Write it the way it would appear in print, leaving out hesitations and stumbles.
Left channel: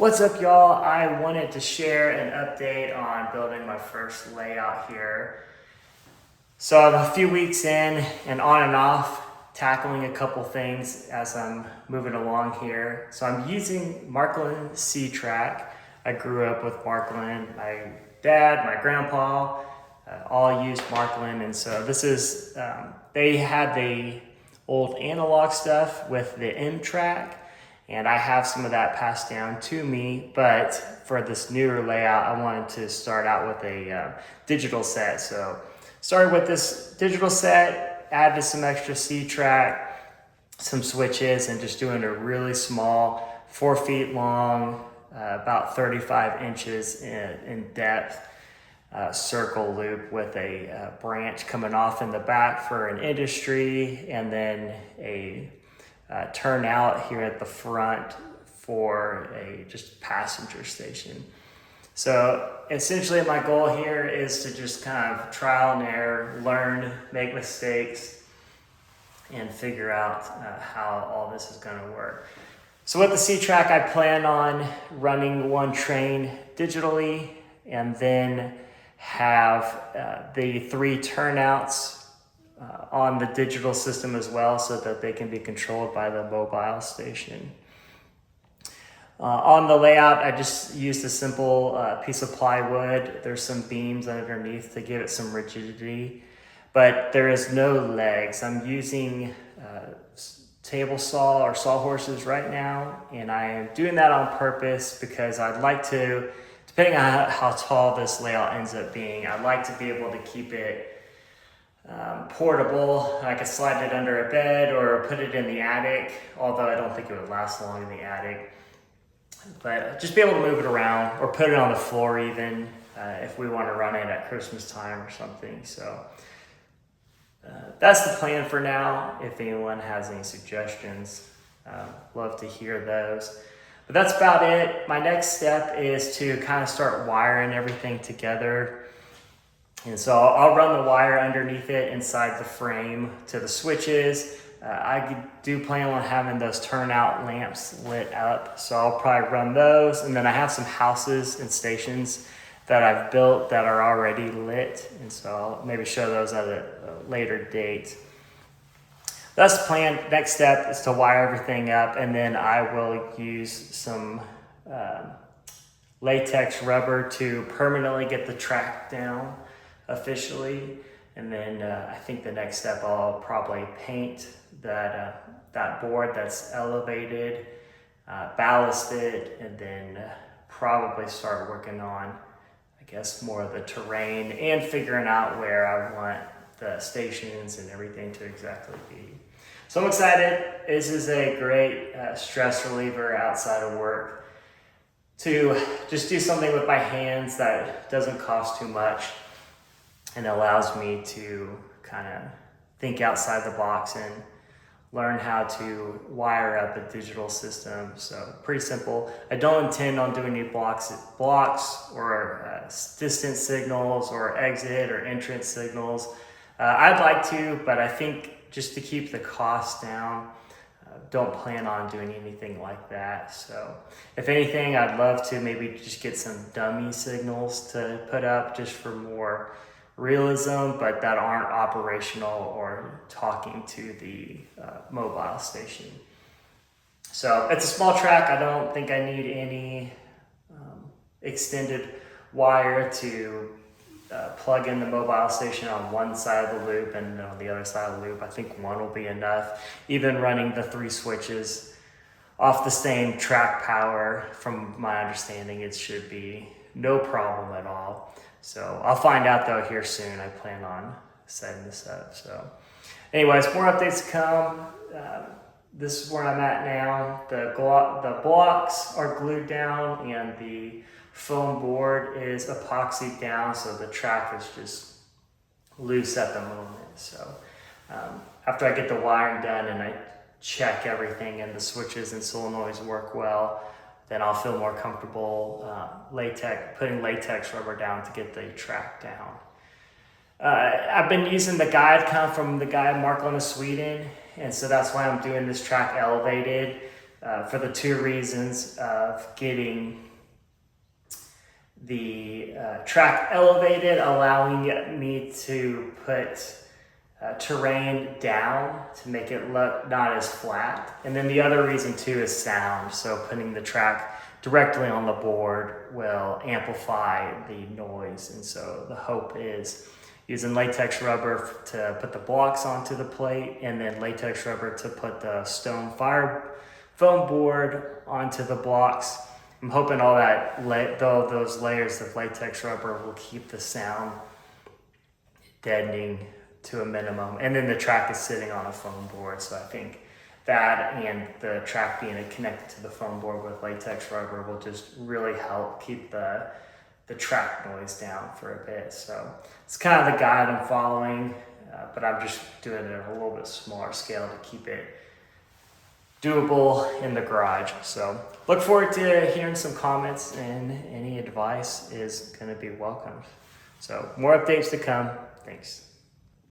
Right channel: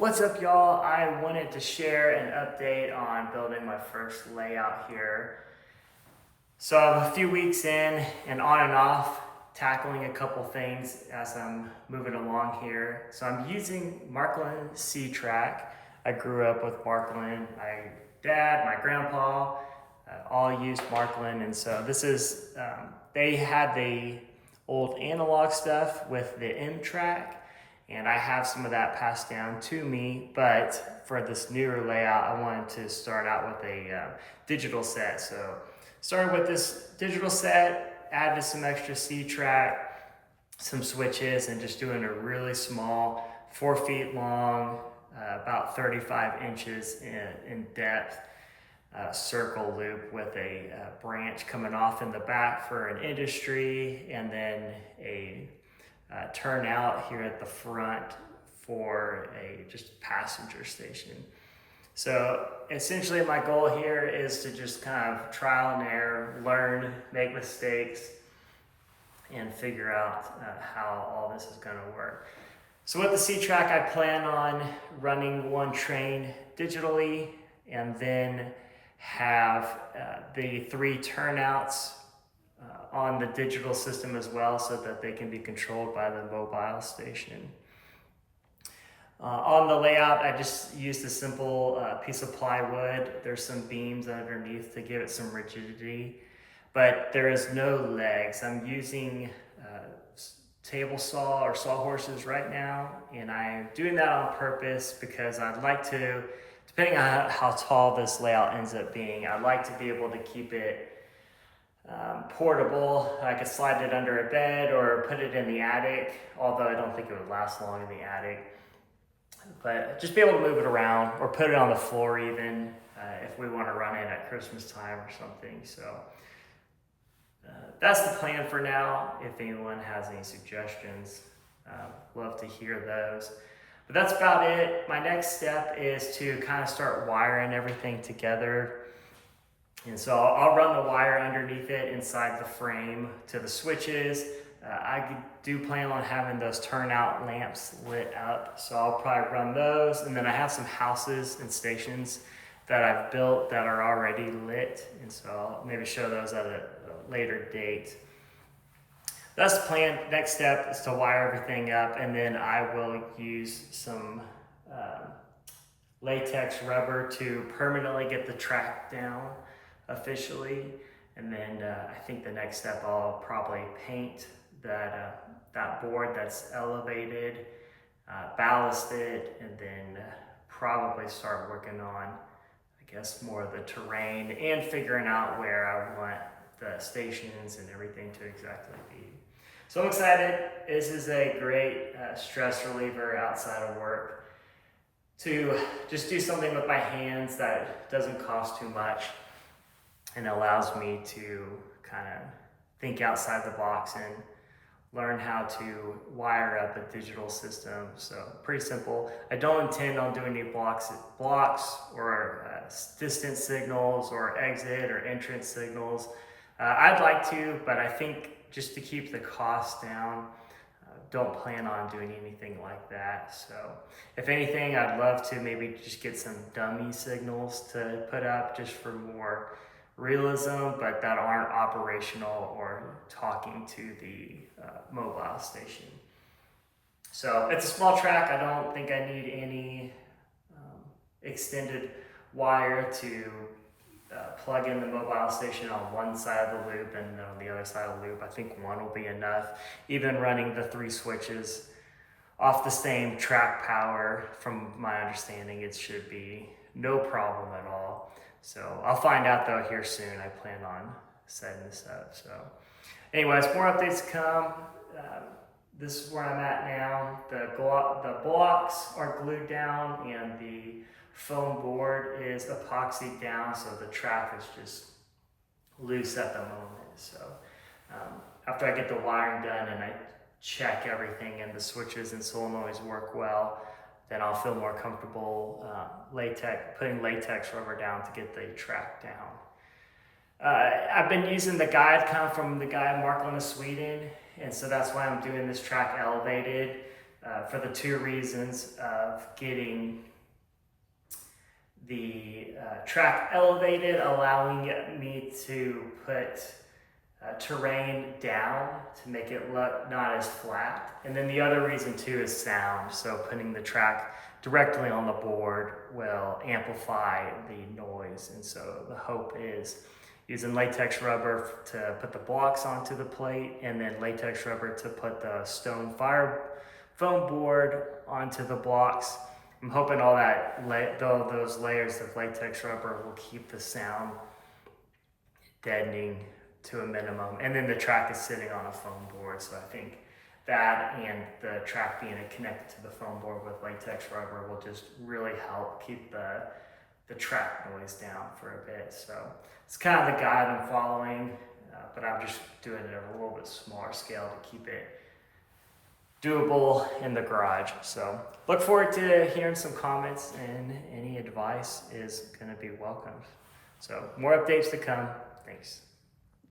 What's up, y'all? I wanted to share an update on building my first layout here. So I'm a few weeks in and on and off, tackling a couple things as I'm moving along here. So I'm using Marklin C-Track. I grew up with Marklin. My dad, my grandpa, all used Marklin. And so this is, they had the old analog stuff with the M-Track. And I have some of that passed down to me, but for this newer layout, I wanted to start out with a digital set. So started with this digital set, added some extra C-Track, some switches, and just doing a really small, 4 feet long, about 35 inches in depth circle loop with a branch coming off in the back for an industry, and then a turnout here at the front for a just passenger station. So essentially my goal here is to just kind of trial and error, learn, make mistakes, and figure out how all this is gonna work. So with the C-Track, I plan on running one train digitally and then have the 3 turnouts on the digital system as well, so that they can be controlled by the mobile station. On the layout, I just used a simple piece of plywood. There's some beams underneath to give it some rigidity, but there is no legs. I'm using table saw or sawhorses right now, and I am doing that on purpose because I'd like to, depending on how tall this layout ends up being, I'd like to be able to keep it portable. I could slide it under a bed or put it in the attic, although I don't think it would last long in the attic. But just be able to move it around or put it on the floor even if we want to run it at Christmas time or something. So that's the plan for now. If anyone has any suggestions, love to hear those. But that's about it. My next step is to kind of start wiring everything together. And so I'll run the wire underneath it inside the frame to the switches. I do plan on having those turnout lamps lit up, so I'll probably run those. And then I have some houses and stations that I've built that are already lit, and so I'll maybe show those at a later date. That's the plan. Next step is to wire everything up, and then I will use some latex rubber to permanently get the track down officially. And then I think the next step, I'll probably paint that board that's elevated, ballast it, and then probably start working on, I guess, more of the terrain and figuring out where I want the stations and everything to exactly be. So I'm excited. This is a great stress reliever outside of work to just do something with my hands that doesn't cost too much and allows me to kind of think outside the box and learn how to wire up a digital system. So pretty simple. I don't intend on doing any blocks or distance signals or exit or entrance signals. I'd like to, but I think just to keep the cost down, don't plan on doing anything like that. So if anything, I'd love to maybe just get some dummy signals to put up just for more realism, but that aren't operational or talking to the mobile station. So it's a small track. I don't think I need any extended wire to plug in the mobile station on one side of the loop and on the other side of the loop. I think one will be enough. Even running the 3 switches off the same track power, from my understanding, it should be no problem at all. So I'll find out though here soon. I plan on setting this up. So anyways, more updates to come. This is where I'm at now. The blocks are glued down and the foam board is epoxied down, so the track is just loose at the moment. So after I get the wiring done and I check everything and the switches and solenoids work well, then I'll feel more comfortable putting latex rubber down to get the track down. I've been using the guide from the guy Marklin of Sweden, and so that's why I'm doing this track elevated. for the two reasons of getting the track elevated, allowing me to put terrain down to make it look not as flat. And then the other reason too is sound. So putting the track directly on the board will amplify the noise. And so the hope is using latex rubber to put the blocks onto the plate, and then latex rubber to put the stone fire foam board onto the blocks. I'm hoping all that those layers of latex rubber will keep the sound deadening to a minimum. And then the track is sitting on a foam board, so I think that and the track being connected to the foam board with latex rubber will just really help keep the track noise down for a bit. So it's kind of the guide I'm following, but I'm just doing it at a little bit smaller scale to keep it doable in the garage. So look forward to hearing some comments, and any advice is going to be welcomed. So more updates to come. Thanks.